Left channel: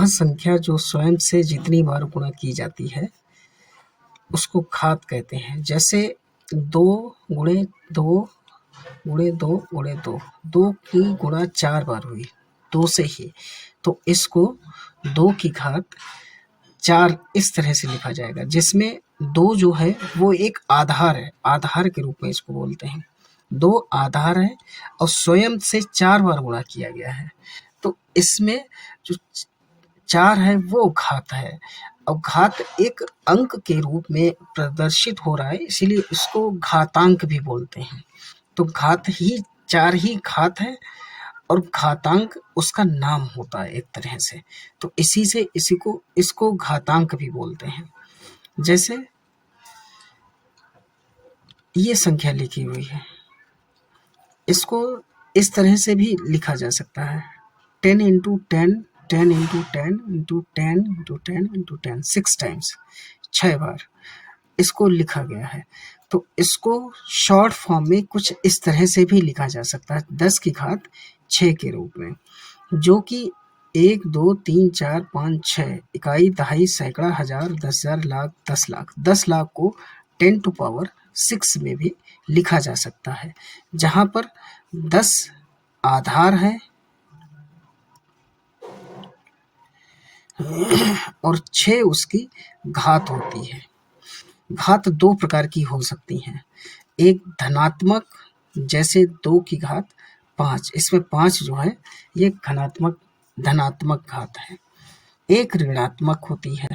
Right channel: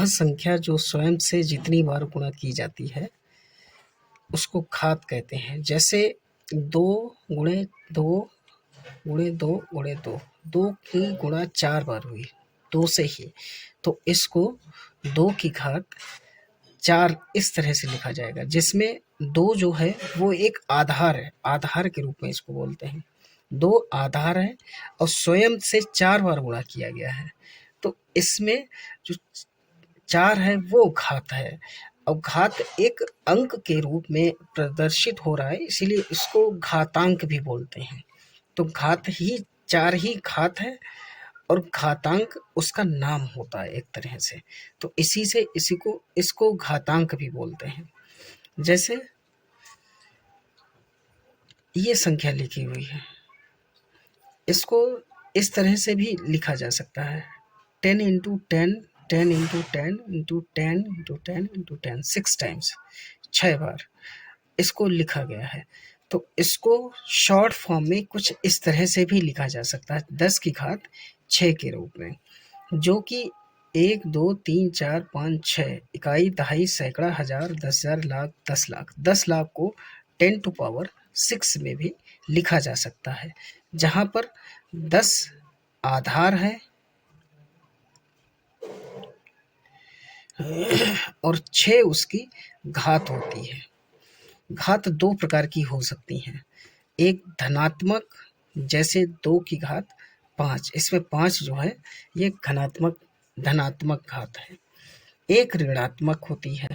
वह संख्या जो स्वयं से जितनी बार गुणा की जाती है उसको घात कहते हैं। जैसे 2 गुणे 2 गुणे 2 गुणे 2, 2 की गुणा 4 बार हुई 2 से ही, तो इसको 2 की घात 4 इस तरह से लिखा जाएगा, जिसमें 2 जो है वो एक आधार है, आधार के रूप में इसको बोलते हैं। 2 आधार है और स्वयं से 4 बार गुणा किया गया है, तो इसमें जो 4 है वो घात है, और घात एक अंक के रूप में प्रदर्शित हो रहा है, इसीलिए इसको घातांक भी बोलते हैं। तो घात ही 4 ही घात है और घातांक उसका नाम होता है एक तरह से, तो इसी से इसको घातांक भी बोलते हैं। जैसे ये संख्या लिखी हुई है, इसको इस तरह से भी लिखा जा सकता है, 10 into 10, 10 into 10 into 10 into 10 into 10, 6 times, 6 बार इसको लिखा गया है। तो इसको शॉर्ट फॉर्म में कुछ इस तरह से भी लिखा जा सकता है, 10 की घात 6 के रूप में, जो कि 1 2 3 4 5 6 इकाई, दहाई, सैकड़ा, हजार, 10,000, लाख, 10 लाख, 10 लाख को 10 टू पावर 6 में भी लिखा जा सकता है, जहाँ पर 10 आधार है और 6 उसकी घात होती है। घात 2 प्रकार की हो सकती हैं, एक धनात्मक, जैसे 2 की घात 5, इसमें 5 जो है ये धनात्मक घात है। एक ऋणात्मक होती है,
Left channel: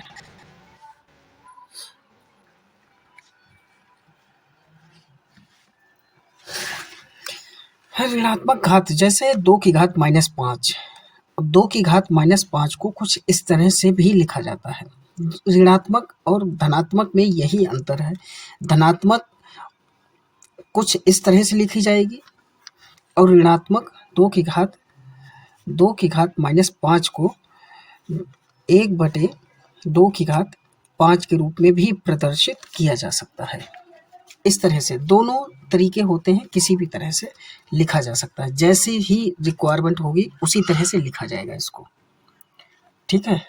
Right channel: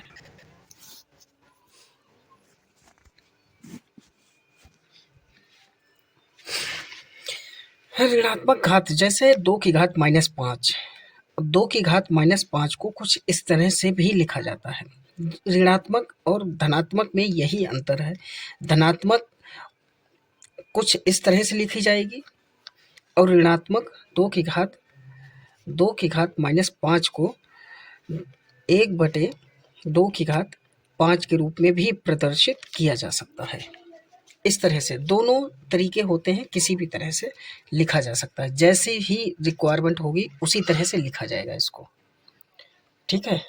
ऋणात्मक घात, जैसे 2 की घात -5। 2 की घात -5 को कुछ इस तरह से भी लिखा जाता है। ऋणात्मक और धनात्मक में यही अंतर है, धनात्मक कुछ इस तरह से लिखी जाएगी और ऋणात्मक 2 की घात -5 को 1/2 की घात 5 के रूप में भी प्रदर्शित किया जा सकता है। इस तरह से दोनों तरीके होते हैं, किसी भी तरह से लिखा जा सकता है, जैसी ही रिक्वायरमेंट होगी उसी तरह से लिखा जाएगा इसको, ठीक है।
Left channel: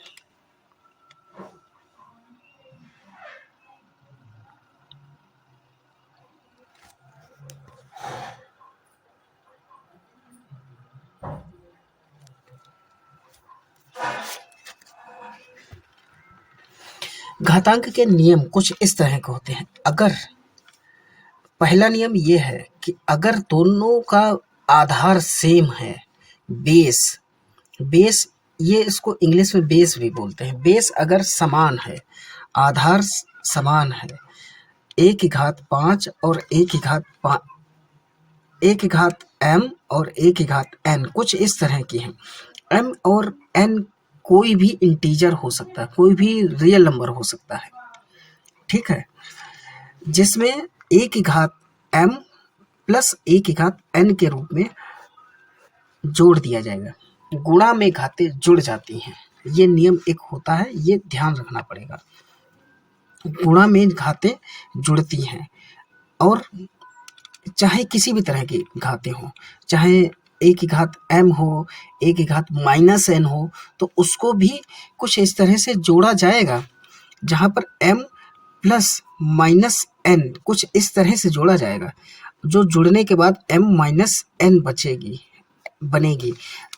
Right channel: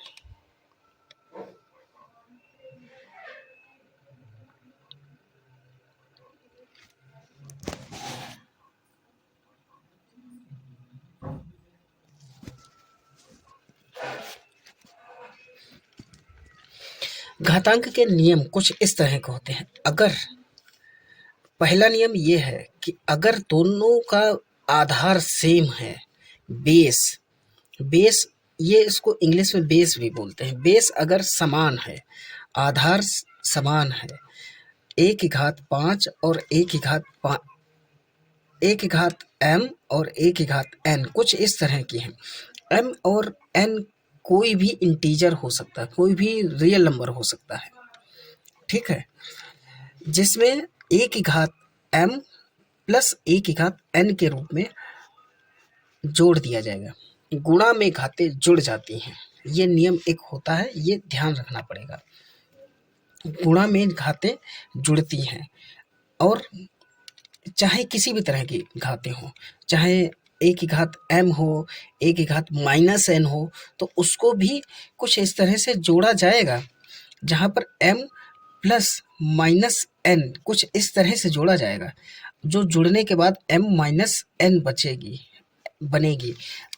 घातांक के नियम कुछ इस तरह के होते हैं। अगर पहला नियम ये है कि अगर दोनों का आधार सेम है, बेस ये इसको इंग्लिश में बेस भी बोलते हैं, बेस अगर समान है, आधार समान है, a की घात 5 और a की घात m और a की घात n कुछ इस तरह की है। m और n कोई भी इंटीजर हो सकता है, कोई भी रियल नंबर हो सकता है, ठीक है, जिसमें a की घात m प्लस a की घात n के रूप में जोड़ दिया जाएगा। गुणा में घातें जुड़ जाती हैं, ये नियम एक होता है, ये ध्यान रखना पड़ेगा। गुणा में घातें जुड़ती हैं, और चाहे किसी भी तरह की घातें हो, चाहे a की घात m हो, a की घात -n हो, तो उसको भी कुछ इस तरह से जोड़ा जाएगा, जहाँ पर m प्लस -n कुछ इस तरह से जोड़ा जाएगा, जो जुड़ने के बाद m-n बनेगी।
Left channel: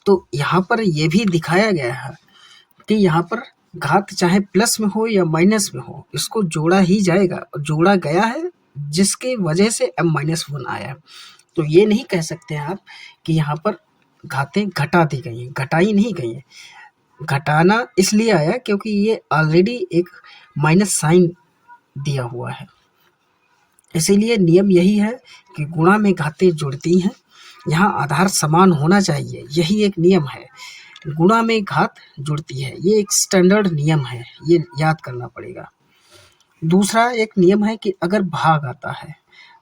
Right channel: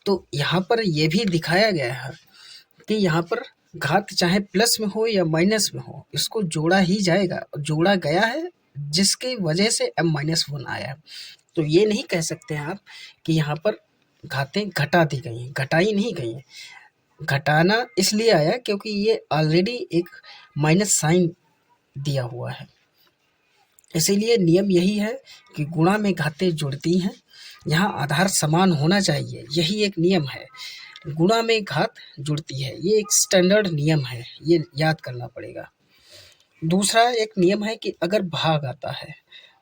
तो यहाँ पर यह भी दिखाया गया है कि यहाँ पर घात चाहे प्लस में हो या माइनस में हो, इसको जोड़ा ही जाएगा, जोड़ा गया है, जिसके वजह से m-1 आया। तो ये नहीं कह सकते आप कि यहाँ पर घातें घटा दी गई हैं, घटाई नहीं गई हैं। घटाना इसलिए आया क्योंकि ये ऑलरेडी एक माइनस साइन दिया हुआ है, इसीलिए नियम यही है कि गुणा में घातें जुड़ती हैं, यहाँ आधार समान होना चाहिए, यही एक नियम है। गुणा में घात जुड़ती है, ये एक स्टैंडर्ड नियम है, ये याद करना पड़ेगा। दूसरा एक नियम है कि अगर भाग आता है,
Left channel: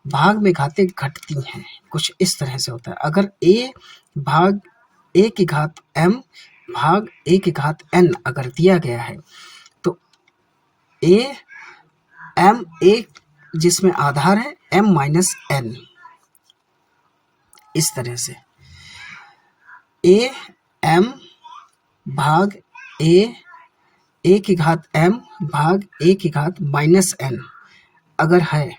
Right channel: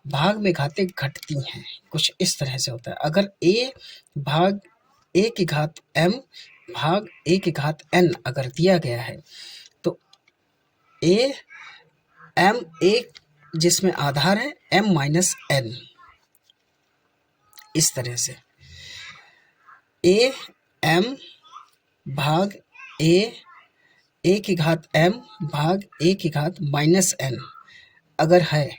भाग में घातें घटती हैं, कुछ इस तरह से होता है। अगर a की घात m भाग a की घात n अगर दिया गया है, तो a जिसमें आधार है m-n, इस तरह से a m भाग ए ए की घात m भाग ए की घात माइनस n अगर है,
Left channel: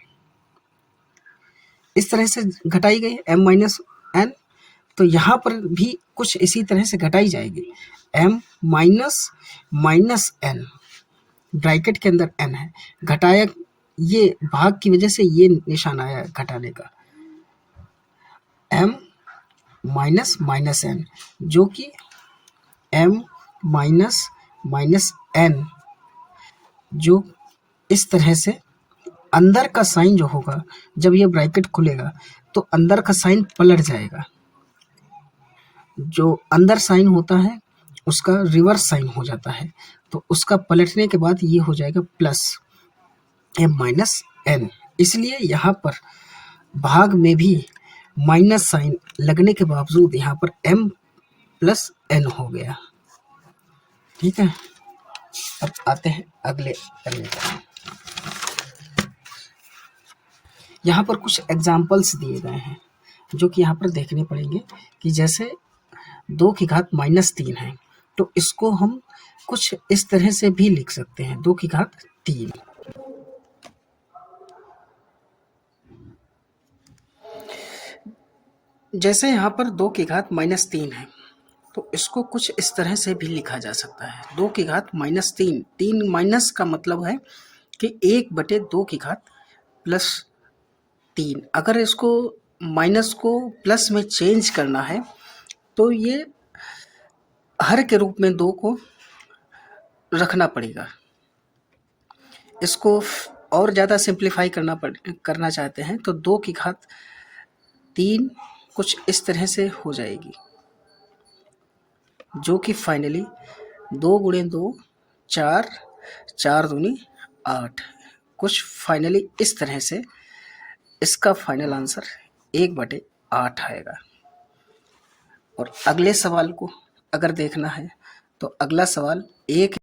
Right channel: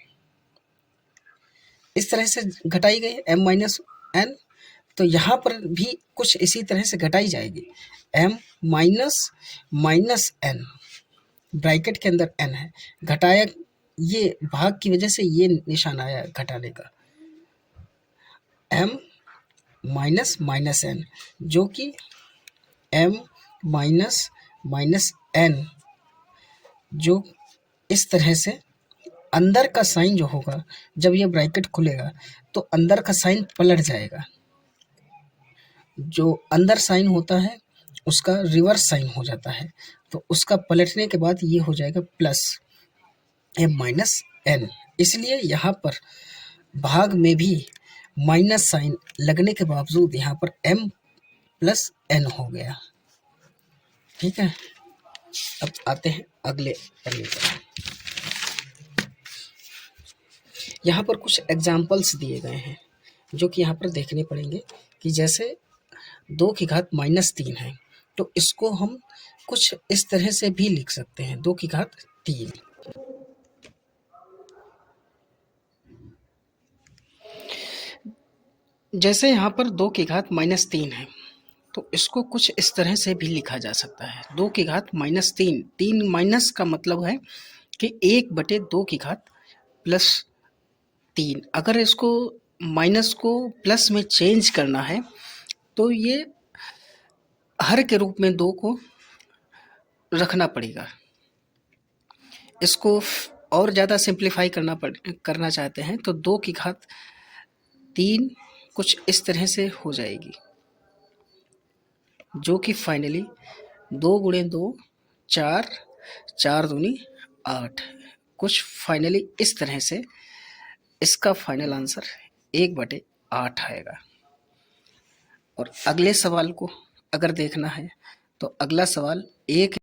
इस तरह से घटाई गई m माइनस n, तो यहाँ पर भी कुछ इसी तरह से घटाई जाएगी। m minus minus n, bracket के अंदर n है, घटाया, ये भाग की वजह से ये निशान आया घटाने का, m माइनस माइनस n, जो कि m माइनस माइनस n, जो इस तरह से अंदर का साइन जो होगा, जब ये ब्रैकेट खुलेगा तो अंदर का साइन पलट जाएगा। जो अंदर साइन होता है उसका रिवर्स साइन हो जाता है, तो उसका पलटने के बाद ये हो जाएगा प्लस m माइनस n। इसलिए यहाँ पर भाग में भी माइनस साइन लगने के बावजूद यहाँ पर m प्लस n हो गया। ठीक है, अब आते हैं अगले पन्ने पर। यहाँ पर कुछ एग्जाम्पल्स दिए गए हैं जो कि यहाँ पर देखने पड़ेंगे, कि जैसे 2 की घात माइनस 3 है, तो इसको हम कुछ इस तरह से भी लिख सकते हैं, 2 की घात 3। जैसे यहाँ पर 2 की घात माइनस 3 है, तो इसको कुछ इस तरह से भी लिखा जा सकता है, 2 की घात माइनस 3। 3 माइनस का मतलब है कि 1/2 की घात प्लस 3। अगर इसको माइनस को प्लस में चेंज करना है तो ये हर के रूप में 2 को रखना पड़ेगा। इसको और ज़्यादा सिंप्लीफाई करना चाहते हैं तो 2 की घात 3 कुछ इस तरह से हो जाएगी, जो कि फाइनली 2 गुणे 2 4, 4 दूनी 8, कुछ फाइनली इस तरह से इसका फाइनल आंसर 1/8 आएगा। और अगले सवाल को अगर देखना है तो अगला सवाल 1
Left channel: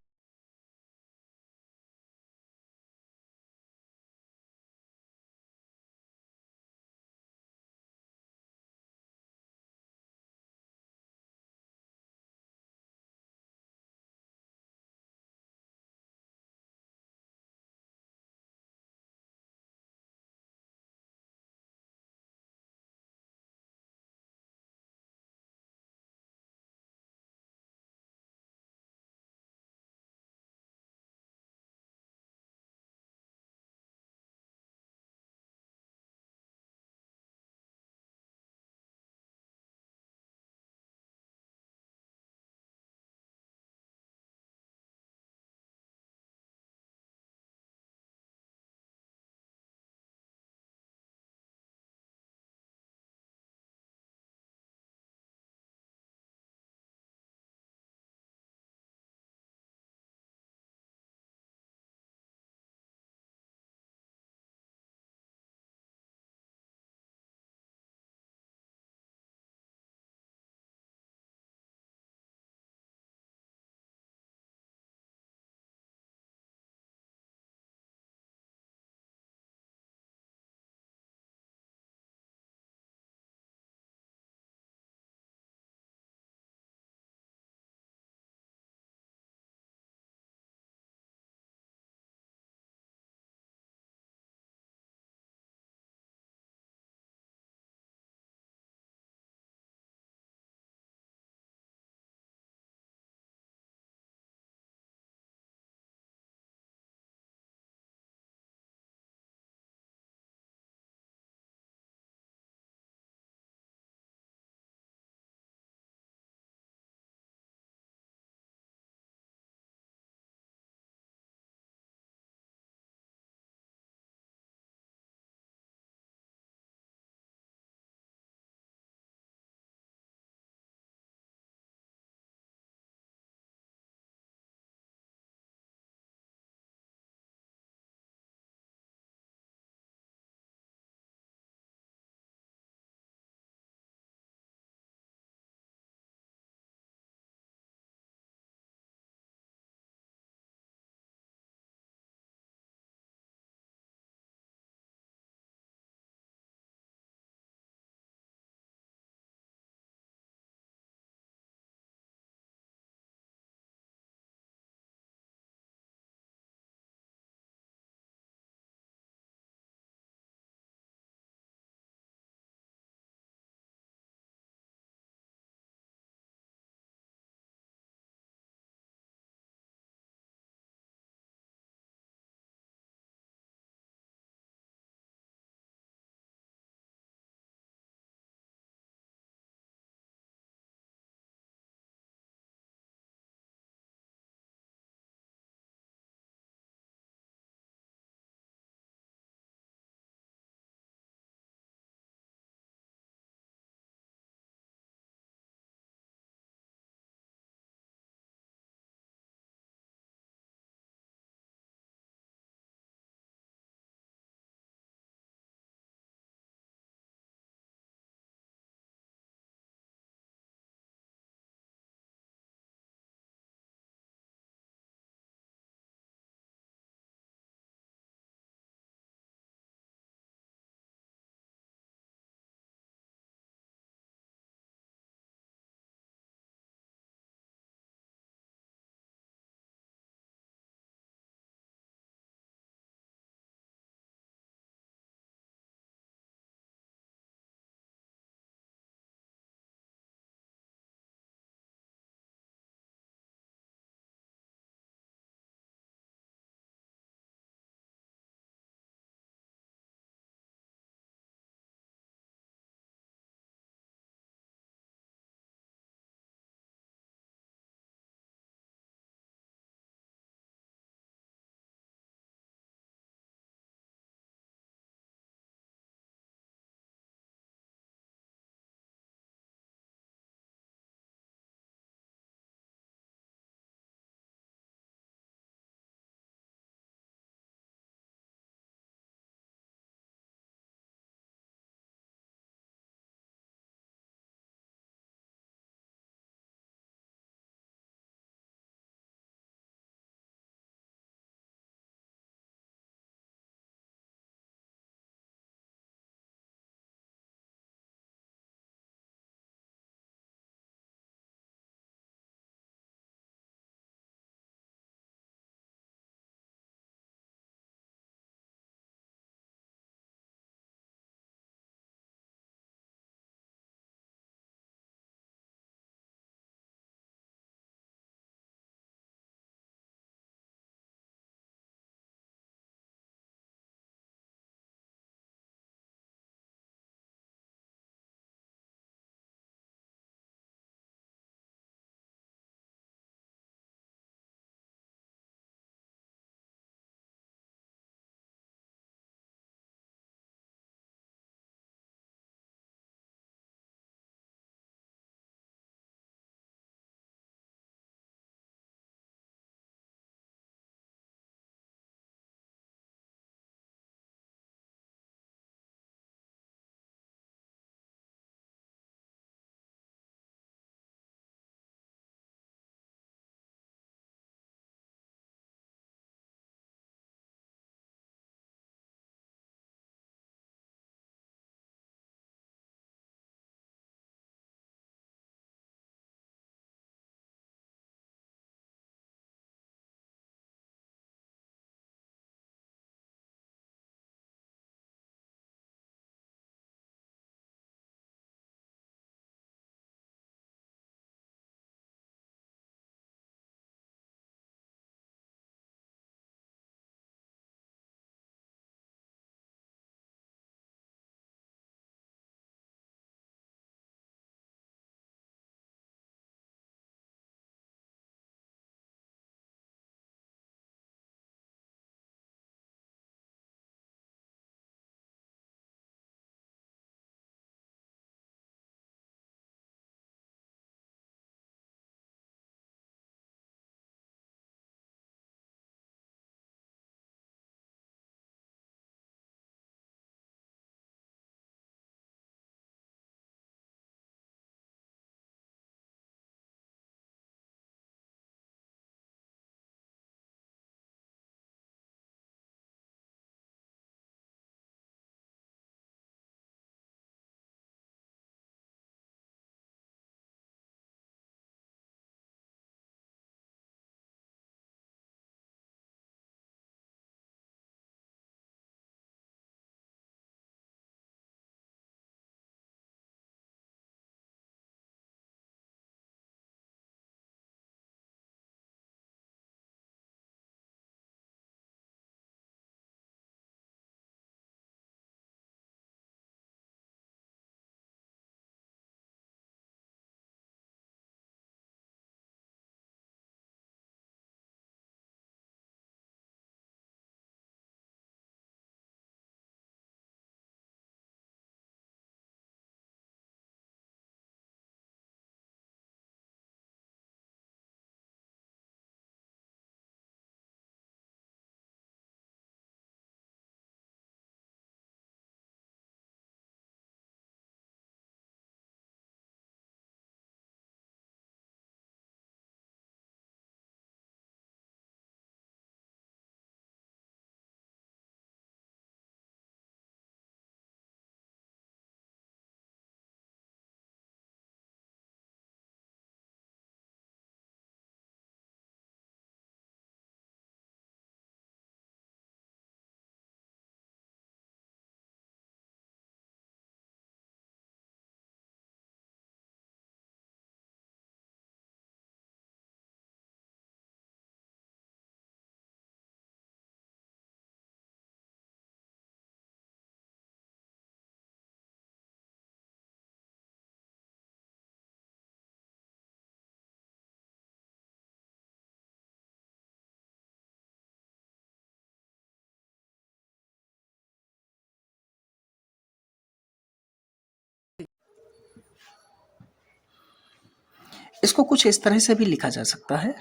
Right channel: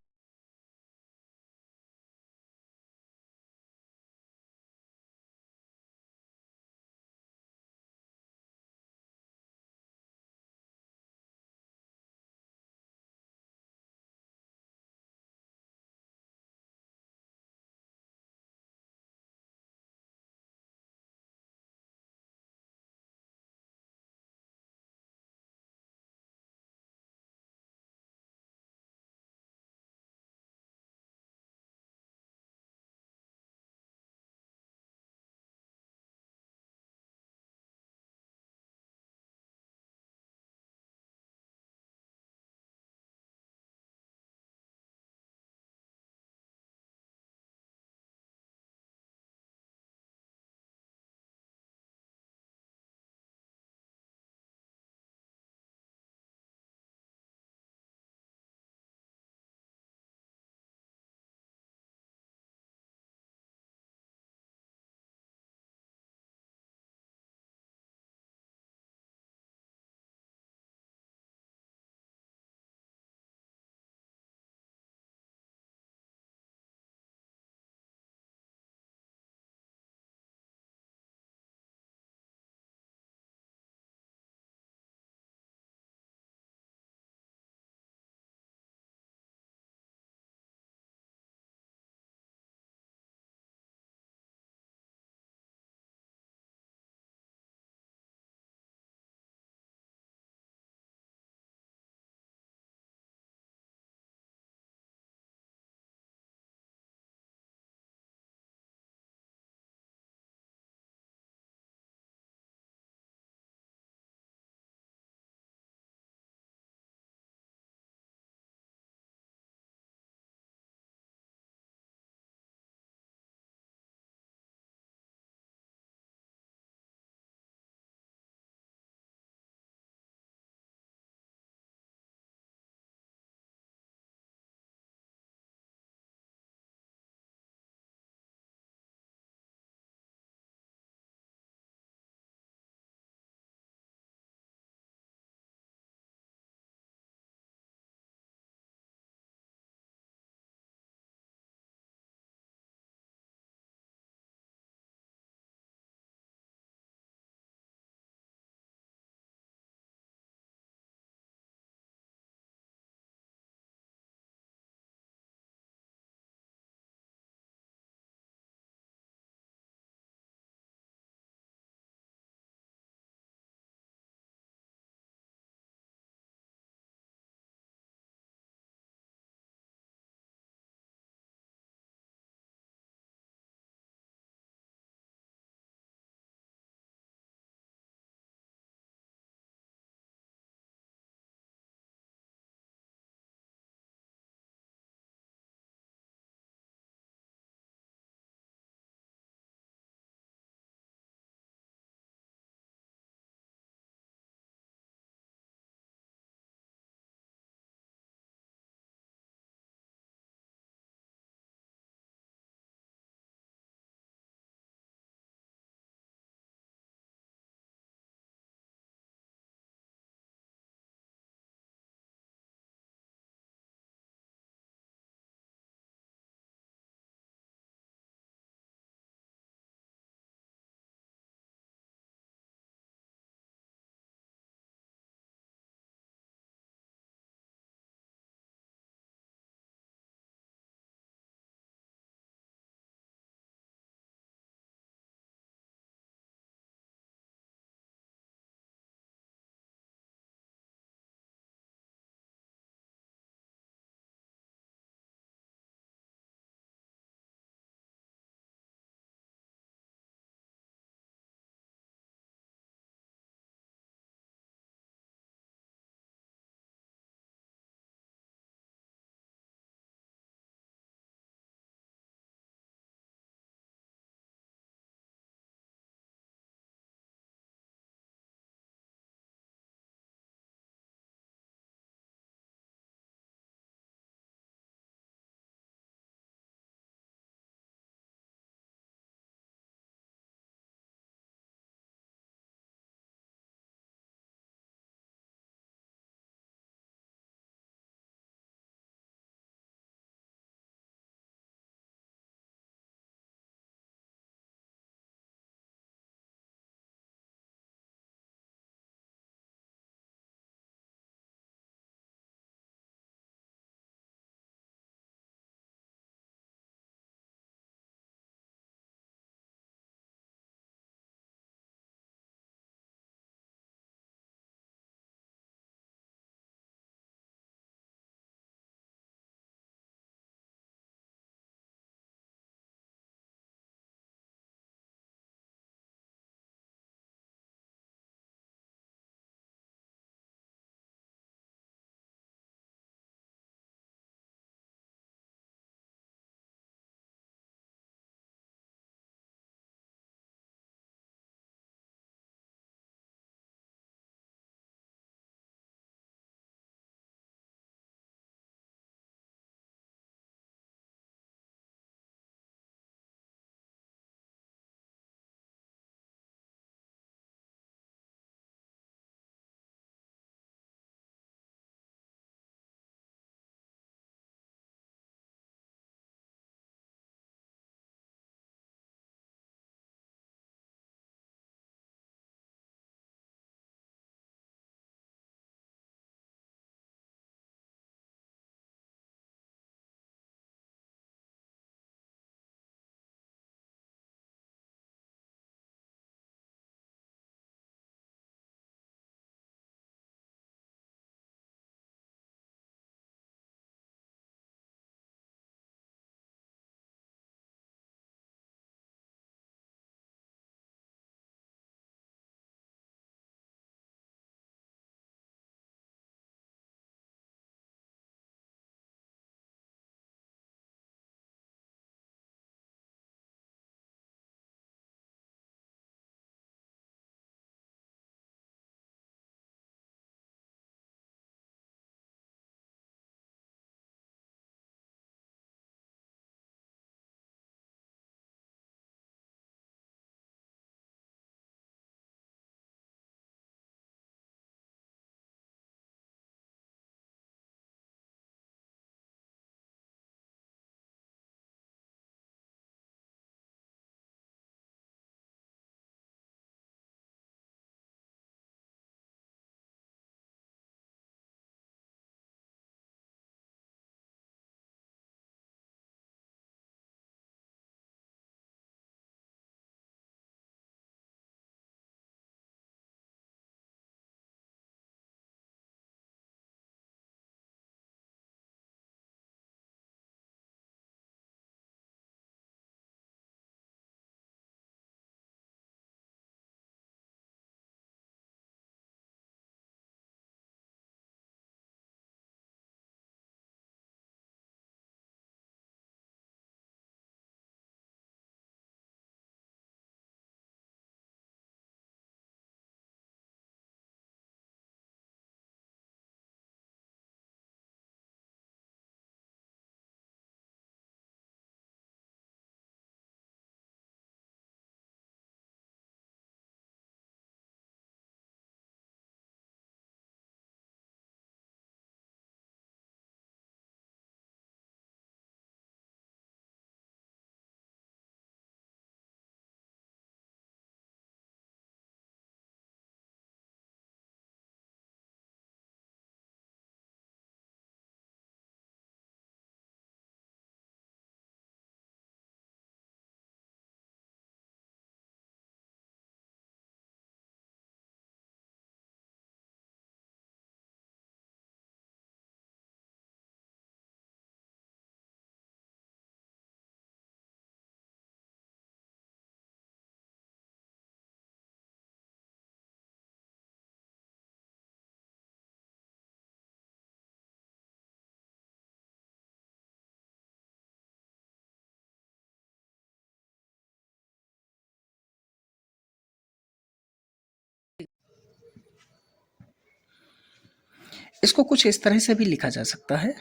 इसको कुछ इस तरह से भी लिखा जा सकता है,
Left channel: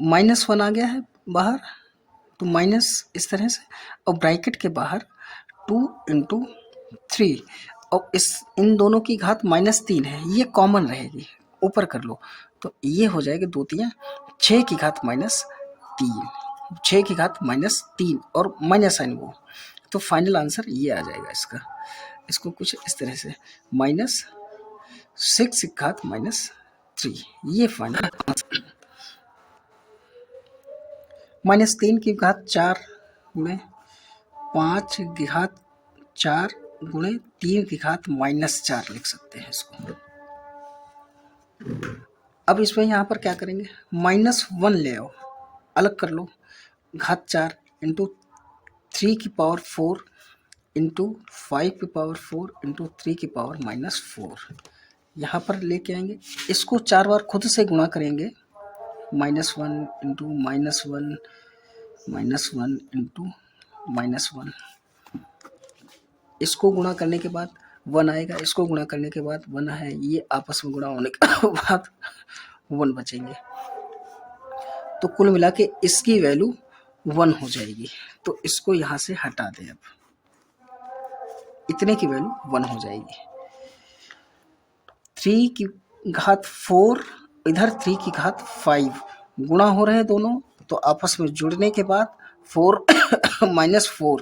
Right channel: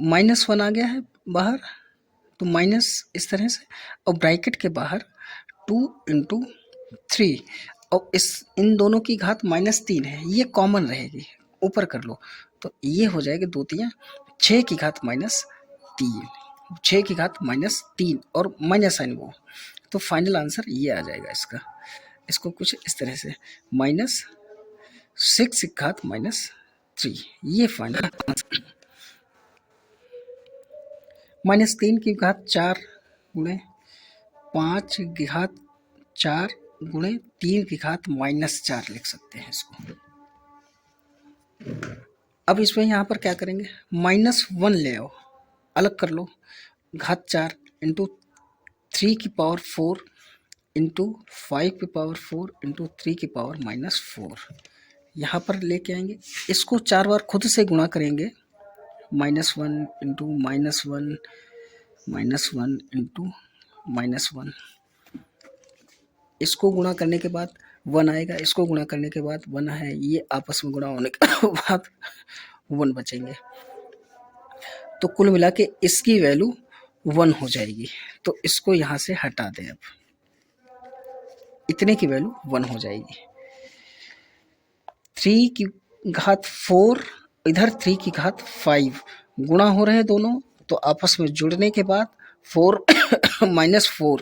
-1 आ गया है बाहर, तो माइनस इस तरह से, और ब्रैकेट के बाहर 2 इंटू 3, और इस इन दोनों की घात -3 है, ये कॉमन रहेगी, ऊपर कर लो तो ये हो जाएगी 2 3 6 की घात -3, 6 की घात -3 और माइनस साइन वो, तो फाइनल आंसर ये आ जाएगा इसका। इसको कुछ इस तरह से -6 की घात -3, ये फाइनल आंसर। -3 की घात 4 गुणे 5 की घात 4 गुणे 3 की घात -4 लिख सकते हैं इसको। अब इसमें यहाँ पर क्या करेंगे, -1 ले आओ, अलग कर लो, घात 4 इंटू 3 की पावर 4 इंटू 5 की पावर 4 इंटू 3 की पावर -4, यहाँ पर लेके आएंगे, इसको 4 बार खुद से गुणा करेंगे, -1 इंटू -1 -1 इंटू -1, इसको गुणा करने के बाद 1 आएगा, इसको गुणा करने के बाद 1 है, ये आपस में गुणा होने के बाद 1 बचेंगे, तो कुल मिला के इसकी वैल्यू 1 हो जाएगी, तो इसको यहाँ से हटा दें, अब इतने की वैल्यू 1 हो जाएगी। 3 की घात 4 इधर 3 की घात 5 गुणा हो रहे हैं दोनों, तो आपस में जुड़ने के बाद 4 -4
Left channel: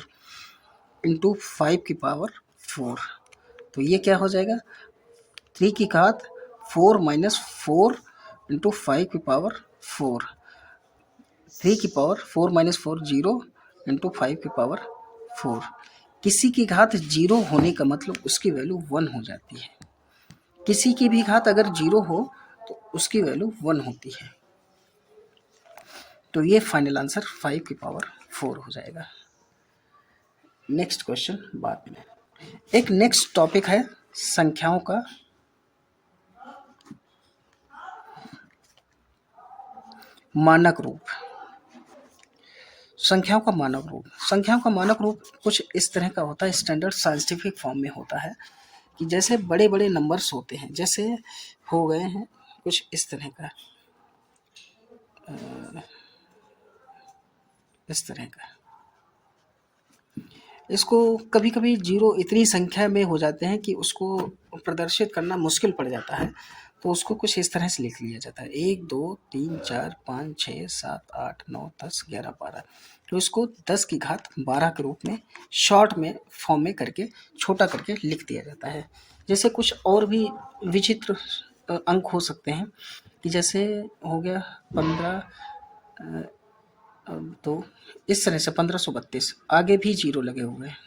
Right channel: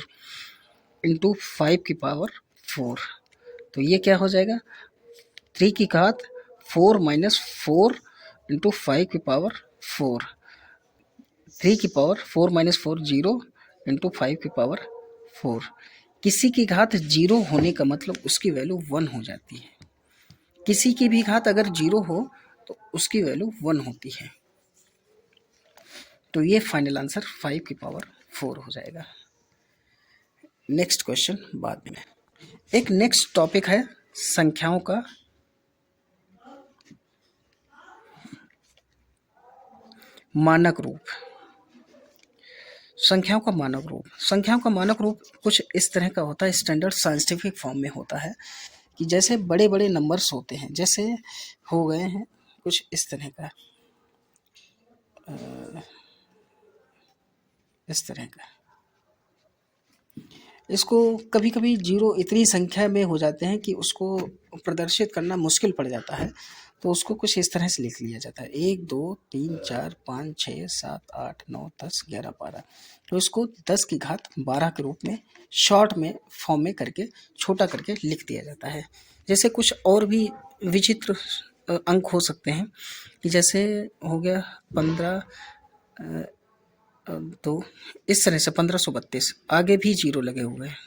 इंटू 5 की पावर 4, तो ये क्या हो जाएगा, 3 की घात 4 -4 इंटू 5 की पावर 4, 3 की पावर 4 -4 0 इंटू 5 की पावर 4, किसी की घात 0 होने का मतलब उसकी वैल्यू 1 हो जाती है, किसी की भी घात अगर 0 हो तो उसकी वैल्यू 1 होती है, तो ये फाइनल आंसर 5 की पावर 4 हो जाएगा। नेक्स्ट क्वेश्चन बाद में, एक नेक्स्ट टॉपिक है संख्याओं का मानक रूप। संख्याओं का मानक रूप, संख्याओं का मानक रूप कुछ इस तरह का होता है, स्टैंडर्ड साइंटिफिक फॉर्म में होता है, कि जैसे बड़े बड़े नंबर्स होते हैं, जैसे हो गए हैं कुछ इस तरह का, इस तरह का, इसको कभी कभी 0 इतनी संख्या में हो जाते हैं कि उसको प्रदर्शित करना मुश्किल पड़ जाता है, तो उसको कुछ इस तरह से लिख लिया जाता है, 1 2 3 4 5 6 7 8 9 10 11 12, तो इसको 10 की घात 12 के रूप में शॉर्ट में फॉर्म में करके छोटा करके लिख दिया जाता है। जैसे कुछ और भी विचित्र अंक हो सकते हैं, कि जैसे हो गया 15 तो इस तरह से 1532, आगे भी 0 लगे हुए हैं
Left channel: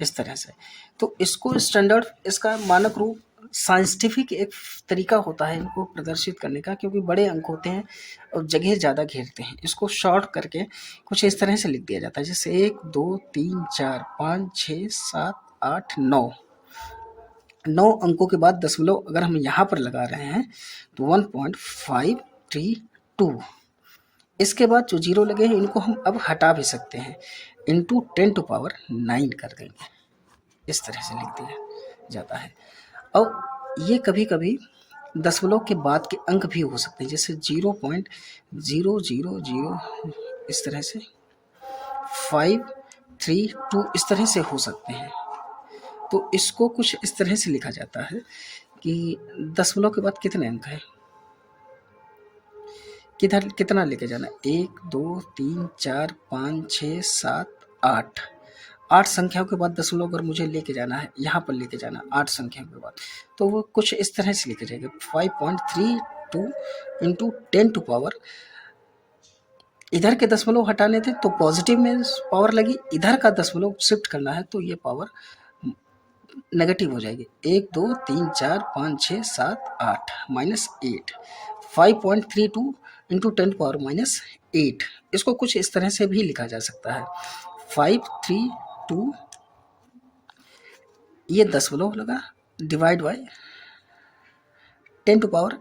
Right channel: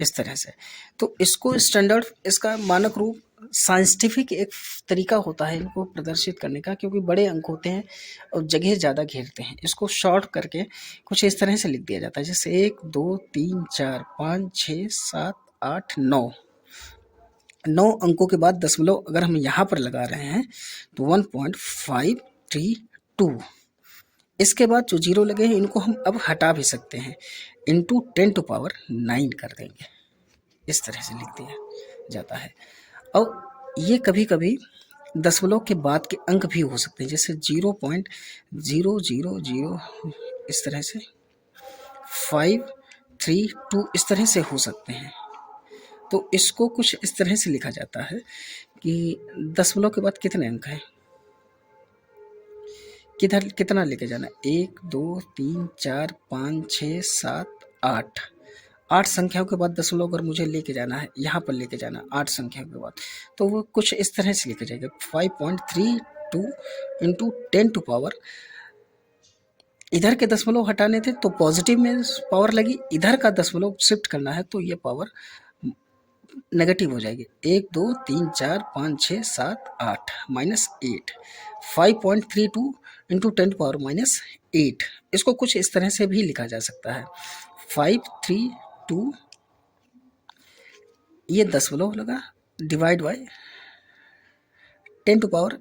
इस तरह से, तो इसको स्टैंडर्ड, इसका मानक रूप साइंटिफिक एक तरीका होता है इनको प्रदर्शित करने का, क्योंकि बड़े अंक होते हैं और जगह ज़्यादा घेरते हैं, इसको शॉर्ट करके कुछ इस तरह से लिख दिया जाता है, जैसे 1 2 3 4 5 6 7 8 9, 9 अंकों के बाद दशमलव अगर हम यहाँ पर लगा रहे हैं तो 1.532, इसके बाद जो 0 लगे हैं इनको हम अब हटा भी सकते हैं, इंटू 10⁹ कर देंगे, इस तरह से लिख दिया जाता है। और ये कभी कभी दशमलव के बाद के अंक भी हो सकते हैं, जैसे 0.000 इस तरह से, 532 इस तरह से हो सकते हैं, तो इसको कुछ इस तरह से लिखा जाता है कि दशमलव के बाद कितने अंक हैं, किधर कितना लेके जाना, 1 2 3 4 5 6 7 8, 8 संख्याओं के बाद दशमलव अगर मुझे लेके जाना है, यहाँ पर लेके जाना 8 संख्याओं के बाद, तो वो कुछ इस तरह से लिखा जाएगा, 5.32 इंटू 10⁻, इधर के दशमलव हटाने थे तो पॉजिटिव में पावर लगी, इधर का दशमलव शिफ्ट करना है तो ये पावर नेगेटिव हो जाएगी, 1 2 3 4 5 6 7 8 -8, 5.32 इंटू 10⁻⁸, इसको कुछ इस तरह से भी लिखा जा सकता है, 532, ये दशमलव लगा, डिवाइड बाय 10⁸,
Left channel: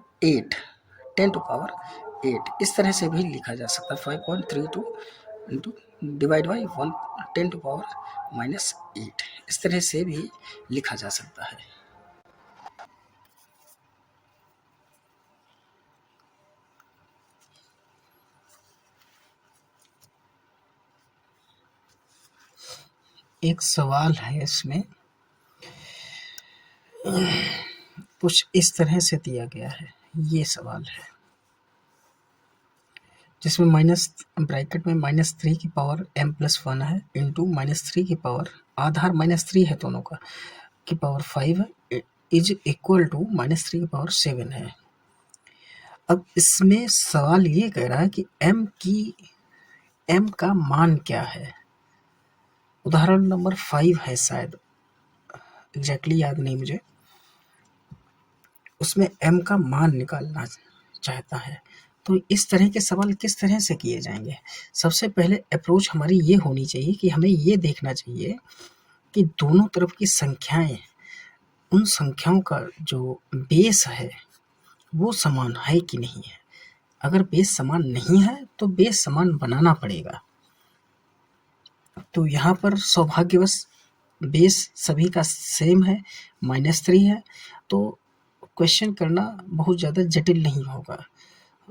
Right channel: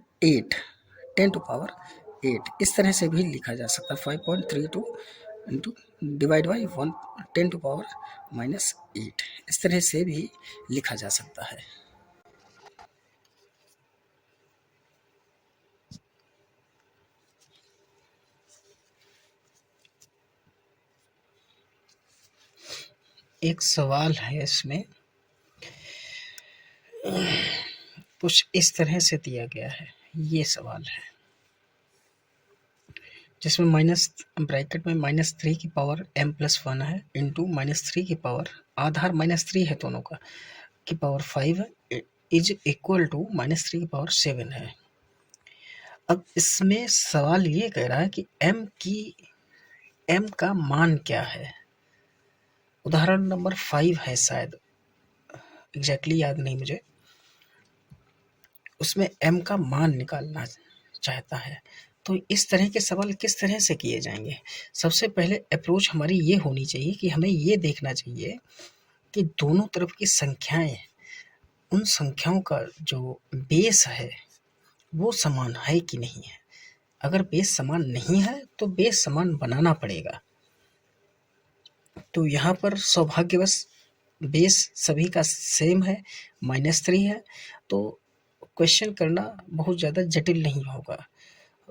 10⁸, इस तरह से भी लिखा जा सकता है, 5.32 इंटू डिवाइड बाई 10⁻⁸, इस तरह से भी लिखा जा सकता है। एक सवाल है इसमें, कुछ इस तरह से दिया गया है। ये सवाल है जिसमें माइनस ब्रैकेट में -3 की पावर m+1 है इंटू -3 की पावर, आधार -3 है दोनों का, की पावर 5 है, इज इक्वल टू -3 की पावर 7 है। अब इसमें सवाल ये कह रहा है कि m का मान क्या है। उदाहरण नंबर 5 है शायद, एग्जैक्टली याद नहीं मुझे। उसमें m का मान निकालना चाहता है। तो इस तरह के सवाल किस तरह से किए जाएंगे। सबसे पहले अप्रोच हमारी ये होनी चाहिए कि हमें ये देखना चाहिए कि दोनों तरफ की संख्याएं, उन संख्याओं का जो बेस है वो समान है कि नहीं है। अगर बेस समान नहीं है तो बेस समान बनाना पड़ेगा। तो यहाँ पर सौभाग्यवश बेस सभी का सेम है, -3 है, तो क्वेश्चन करना बहुत ज़्यादा जटिल नहीं होगा,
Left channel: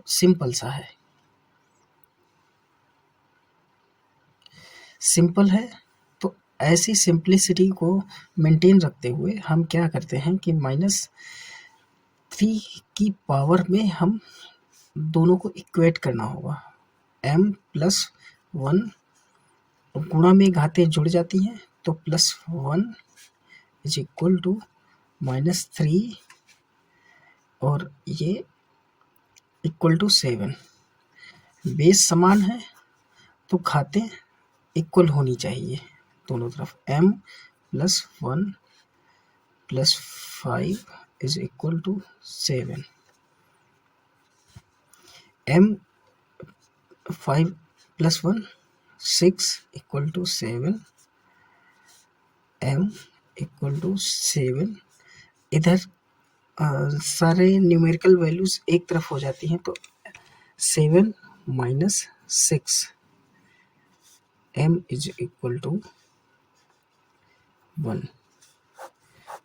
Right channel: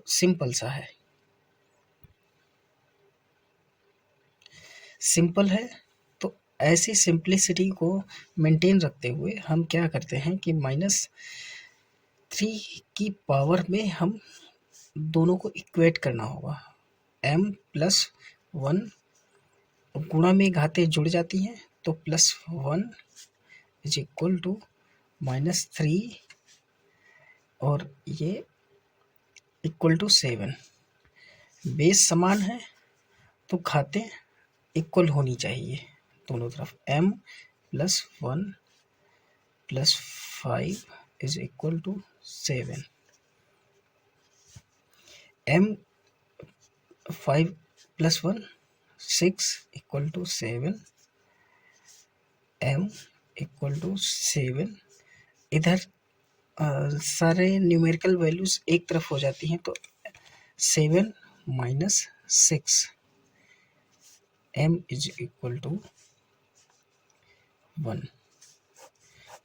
सिंपल सा है, सिंपल है। तो ऐसी सिंप्लिसिटी को मेंटेन रखते हुए हम क्या करते हैं कि -3 की पावर में हम दोनों को इक्वेट करना होगा। m+1 गुणा में घातें जुड़ जाती हैं तो +1 इज इक्वल टू -3 और ये इक्वल टू 7। बेस समान है तो घातें इक्वल होनी चाहिए दोनों तरफ। m+1 +5 is equal to 7। m5 + 1 6 equal to 7। m equal to 7। इधर सारे न्यूमेरिकल वैल्यूज एक तरफ हो जाती हैं तो 7 - 6 m इज इक्वल टू 1।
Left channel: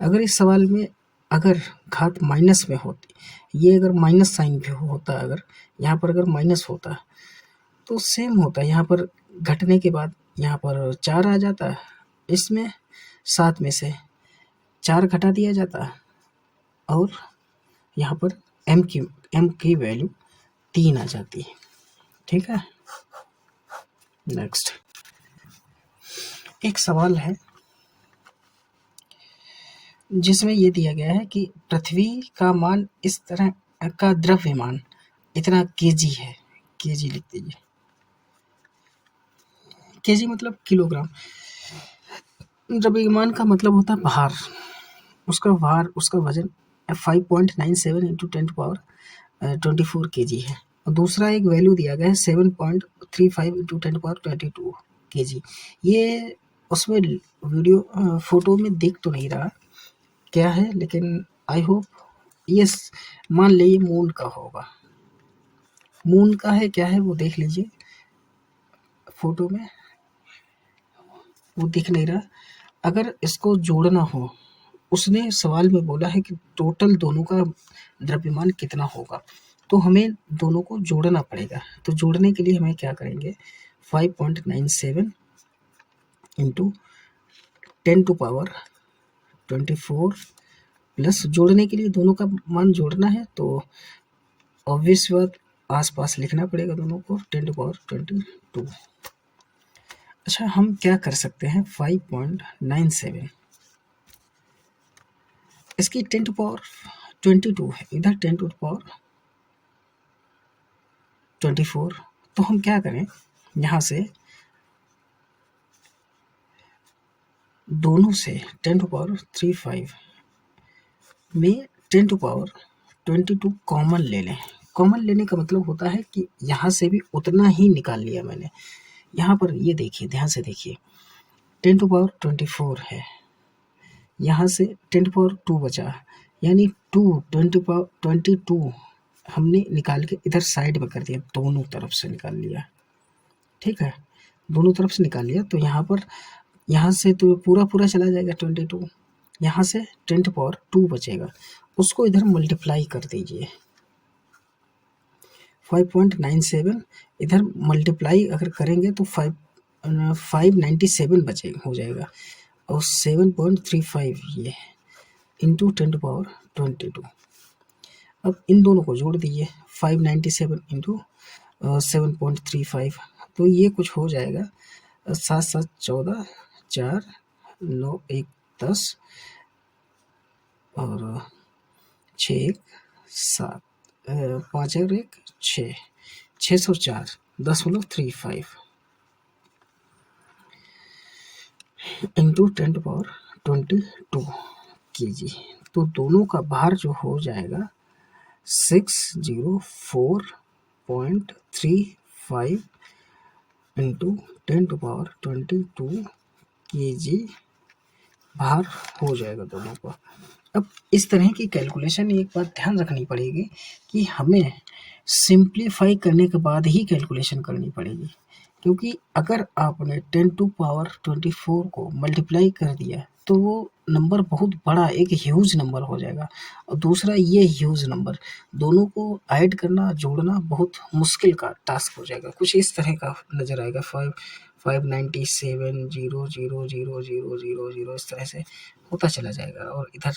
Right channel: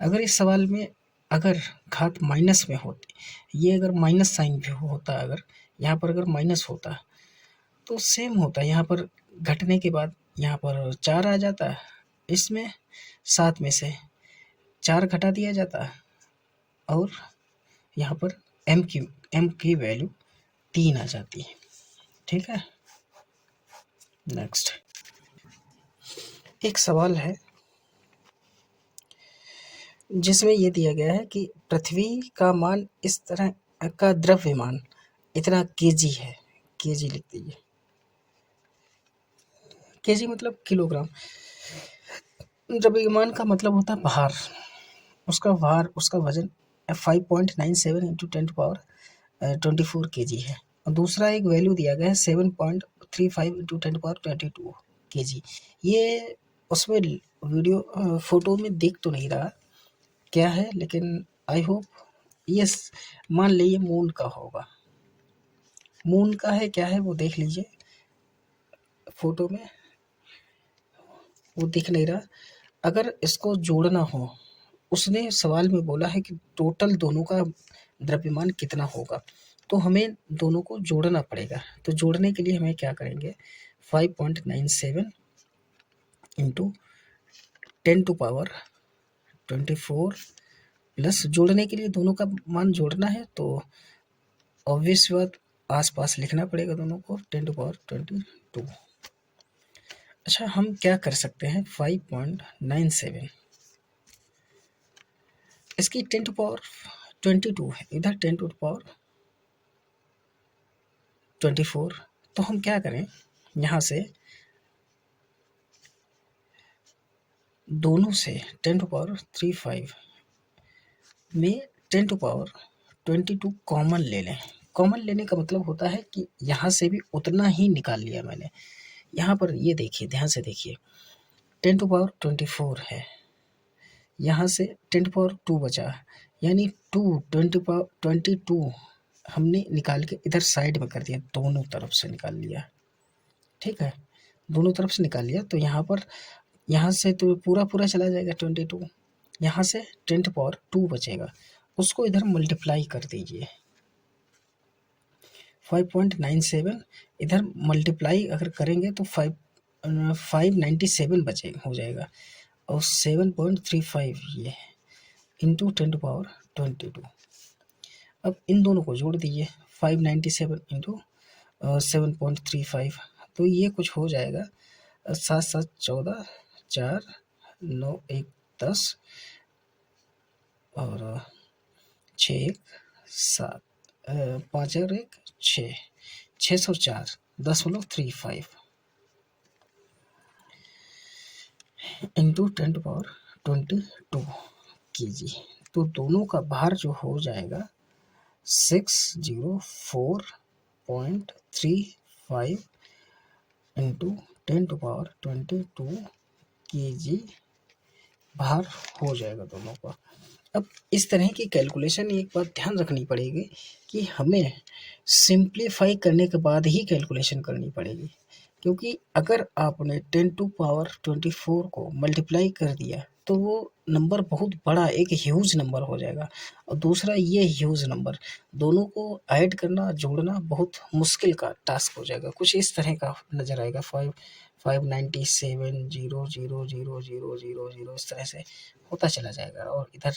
अगर इस सवाल में अगर घात माइनस में होती, ये अगर माइनस साइन भी होता, अगर यहाँ पर अगर माइनस होता तो सेम होता। यहाँ पर घटने के बाद यहाँ पर 4 आ जाता, इसमें 7 में से 4 घटा दिया जाता और यहाँ पर m की वैल्यू 3 आ जाती है। ठीक है, नेक्स्ट एक सवाल है जिसमें ये दिया गया है कि पृथ्वी का मान इस तरह का द्रव्यमान इतना केजी है। केजी लिख दीजिए, केजी मतलब किलोग्राम। द्रव्यमान का मतलब होता है भार, उसका वजन 5.97 इंटू 10⁻24 केजी है। और दूसरा एक वैल्यू दिया गया है 7.35 इंटू 10⁻22 केजी। ये उसमें वीडियो फोटो में दिख तो नहीं रहा क्या है, लेकिन आई होप ये मान लीजिए मून का होगा। मून का है क्या है वो देख लीजिए, फोटो में वो दिख नहीं रहा। अगर इसको जोड़ना हो, उसने सवाल में बोला है कि टोटल दोनों का द्रव्यमान कितना होगा, तो हमें दोनों को जोड़ना पड़ेगा। तो जोड़ने के लिए हमें क्या करेंगे, 5.97 इंटू 10⁻24 प्लस, जोड़ने के लिए दोनों का मान जोड़ना है तो ऑब्वियस बात आसपास लिखना पड़ेगा दोनों को, 10⁻22। अच्छा, हम क्या कर सकते हैं, 5.97 इसकी 10⁻22 है, इधर 10⁻24। तो हम क्या करें, यहाँ से दोनों से 10⁻35 में 10⁻22 कॉमन ले लें। कॉमन लेने का मतलब होता है कि यहाँ से भी उतना ही निकाल लिया मैंने। यहाँ पर ये देखिए, ध्यान से देखिए, 10⁻24 है, यहाँ से 10⁻2 बचा, यानी 20⁻22 हमने निकाल के इधर साइड में कर दिया, दोनों तरफ से निकाल लिया। ठीक है, दोनों तरफ से निकाल लिया तो यहाँ पर, यहाँ से तो पूरा चला जाएगा 22, यहाँ से 10⁻2 बचेगा, उसको इधर मल्टीप्लाई कर दीजिए। 5.97 इधर मल्टीप्लाई अगर करेंगे तो 597 बचे हो जाएगा, और 7.35 ये इंटू 10⁻²2। अब इन दोनों को जोड़ दीजिए, 597 इंटू 7.35, तो ये कुछ हो जाएगा 7 7 14, 4 9 1 10, और 6 1 7, 5 और 1 6, 604.35 इंटू 10⁻²2 kg। तो दोनों का भार जो हो जाएगा 604.35 इंटू 10⁻²2 kg भार हो जाएगा दोनों का। अब इस तरह की कैलकुलेशन एक बात ध्यान रखनी पड़ेगी कि हमें सिंप्लीफाई करने के बाद ही कैलकुलेशन करनी पड़ेगी, क्योंकि अगर आपने 10⁻24 को मल्टीप्लाई कर दिया तो वो नंबर बहुत बड़ा एक ह्यूज नंबर हो जाएगा, और दूसरा ये ह्यूज नंबर दोनों को ऐड करना जोड़ना बहुत मुश्किल का टास्क हो जाएगा। कुछ इस तरह का नज़र आएगा, 597,000,000 इस तरह से होता चला जाएगा, और इधर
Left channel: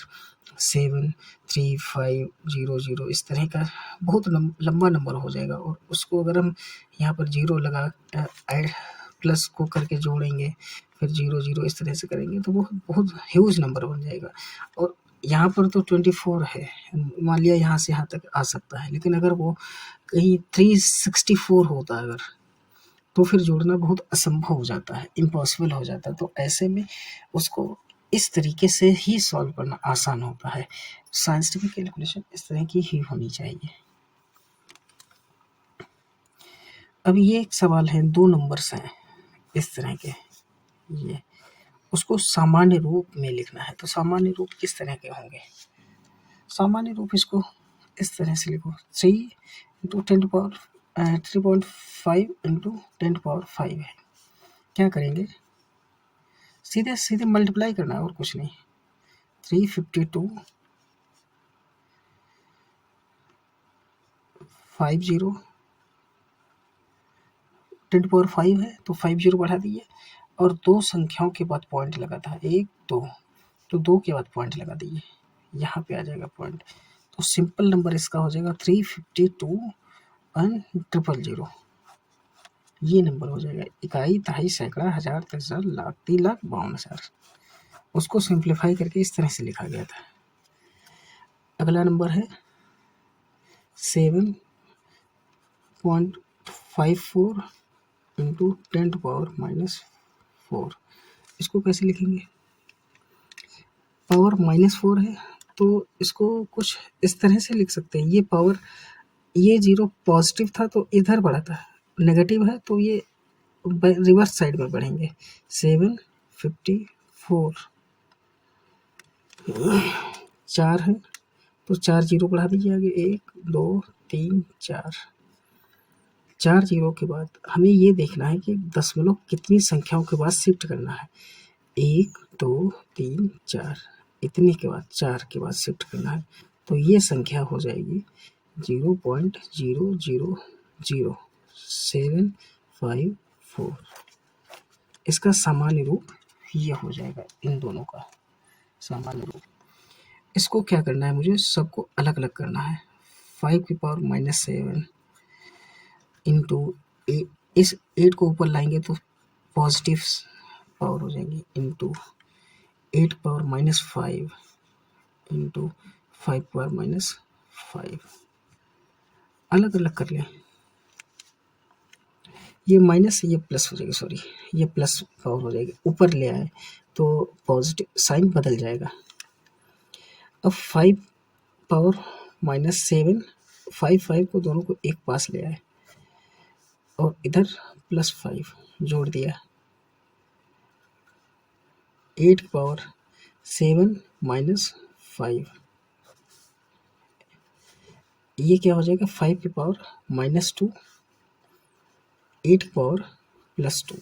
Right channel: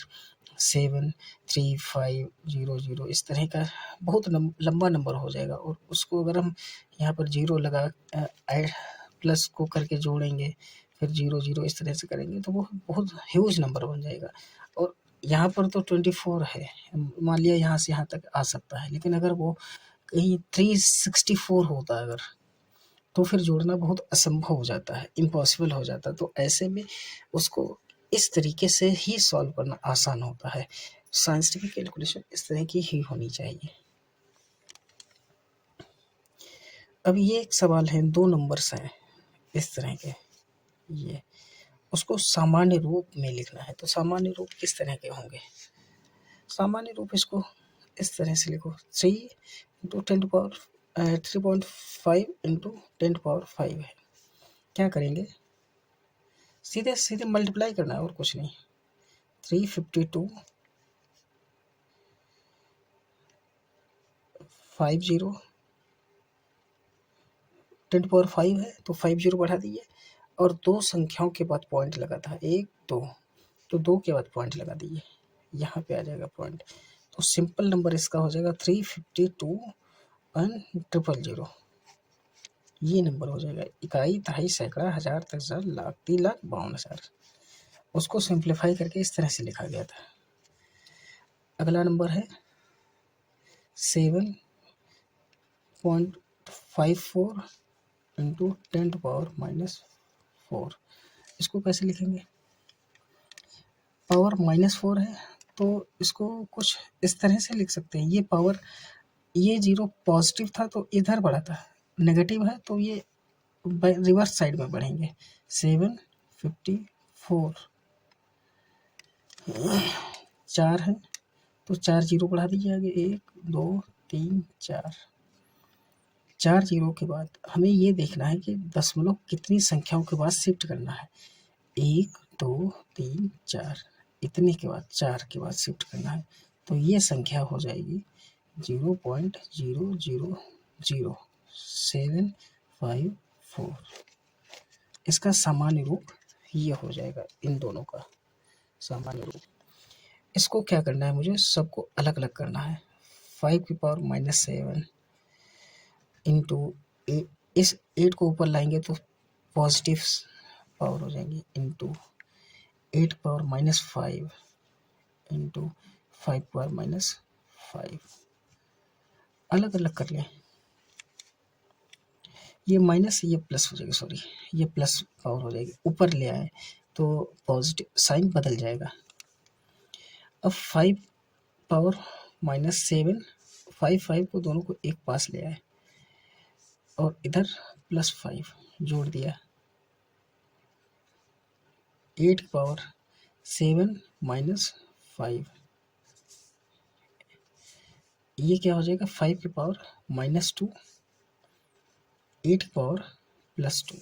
735,000 इस तरह का बहुत लंबा नंबर हो जाएगा। और उसको अगर हम यहाँ पर जीरो लगा ऐड प्लस को करके जोड़ेंगे, फिर 0 इस तरह से करेंगे तो वो बहुत ह्यूज नंबर बन जाएगा। और यहाँ पर तो 24 है, मान लिया यहाँ से यहाँ तक आ सकता है, लेकिन अगर वो कहीं 364 होता है अगर, तो फिर जोड़ना बहुत असंभव हो जाता है, इम्पॉसिबल हो जाता है। तो ऐसे में उसको इस तरीके से ही सॉल्व करना आसान होता है। साइंटिफिक कैलकुलेशन इस तरह की ही होनी चाहिए। अब ये एक सवाल है, 2 नंबर्स हैं इस तरह के, ये उसको सामान्य रूप में लिखना है। तो सामान्य रूप किस तरह के होंगे? सामान्य रूप इसको इस तरह से लिखो, 3 इंटू 3.5 इंटू 10⁻5 है। क्या करेंगे, सीधे सीधे मल्टीप्लाई करना है और कुछ नहीं। 352 50 10⁻5 है तो 50 बढ़ा दीजिए, और 2 संख्याओं के बाद पॉइंट लगा था, 1 2, तो 2 के बाद पॉइंट लगा दीजिए, यहाँ पे आ जाएगा पॉइंट। तो सिंपल नंबर इसका हो जाएगा 352 एंड 000, ये नंबर हो जाएगा। इकाई, दहाई, सैकड़ा, हजार, दशहजार, लाख, 3,52,000। उसको सिंप्लीफाई करके इस तरह से लिखा गया था। अगला नंबर है 7.54 इंटू 10⁻⁻4। इसको कैसे लिखेंगे? पावर -4 है तो इसको कुछ इस तरह से लिख सकते हैं, ये पावर, ये 0 पॉजिटिव था तो इधर बढ़ा था, नेगेटिव है तो ये रिवर्स साइड में बढ़ेंगे। 754 4 है तो 4 0 बढ़ा दीजिए आगे, 1 2 3 4। 4 0 के बाद हमें ये देखना है कि दशमलव कितनी संख्याओं के बाद शिफ्ट करना है। 1 2 3 4, इतने के बाद 4 के बाद शिफ्ट करना है। तो ये संख्या हो जाएगी 0.000754। इसका सामान्य रूप ये हो जाएगा, इन दोनों का सामान्य रूप। इसको क्या करना है, मुझे सबको अलग अलग करना है। 5⁻⁻7 इंटू, इस 8 को ऊपर लाएंगे तो पॉजिटिव पावर हो जाएगी, इंटू 8⁻⁻5 इंटू 5⁻⁻5, अलग अलग कर लें। ये माइनस, ये प्लस हो जाएगा, सॉरी ये प्लस पावर हो जाएगी, ऊपर ले आए तो पॉजिटिव साइन बदल जाएगा। अब 5⁻⁻7, 5 को दोनों को एक पास ले आए और इधर +5 जोड़ दिया, 8⁻7 -5, ये क्या हो जाएगा, 5⁻−2, 8⁻+2।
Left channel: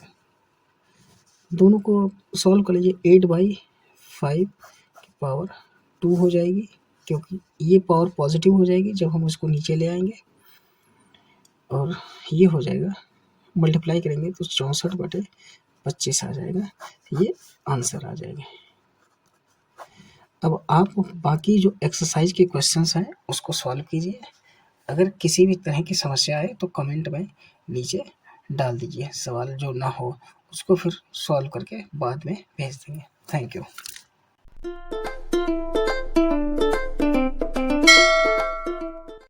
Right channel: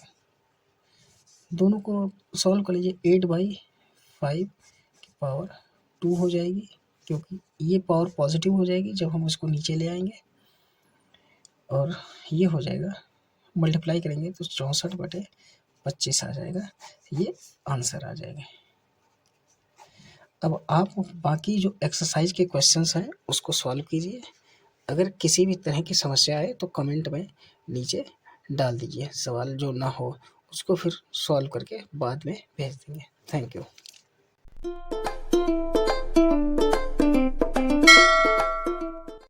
दोनों को सॉल्व कर लीजिए, 8/5 की पावर 2 हो जाएगी, क्योंकि ये पावर पॉजिटिव हो जाएगी जब हम उसको नीचे ले आएंगे, और ये हो जाएगा मल्टीप्लाई करेंगे तो 64/25 आ जाएगा, ये आंसर आ जाएगा। अब आप बाकी जो एक्सरसाइज के क्वेश्चंस हैं उसको सॉल्व कीजिए। अगर किसी भी तरह की समस्या है तो कमेंट में नीचे डाल दीजिए, सवाल जो ना हो उसको फिर सॉल्व करके बाद में भेज देंगे। Thank you.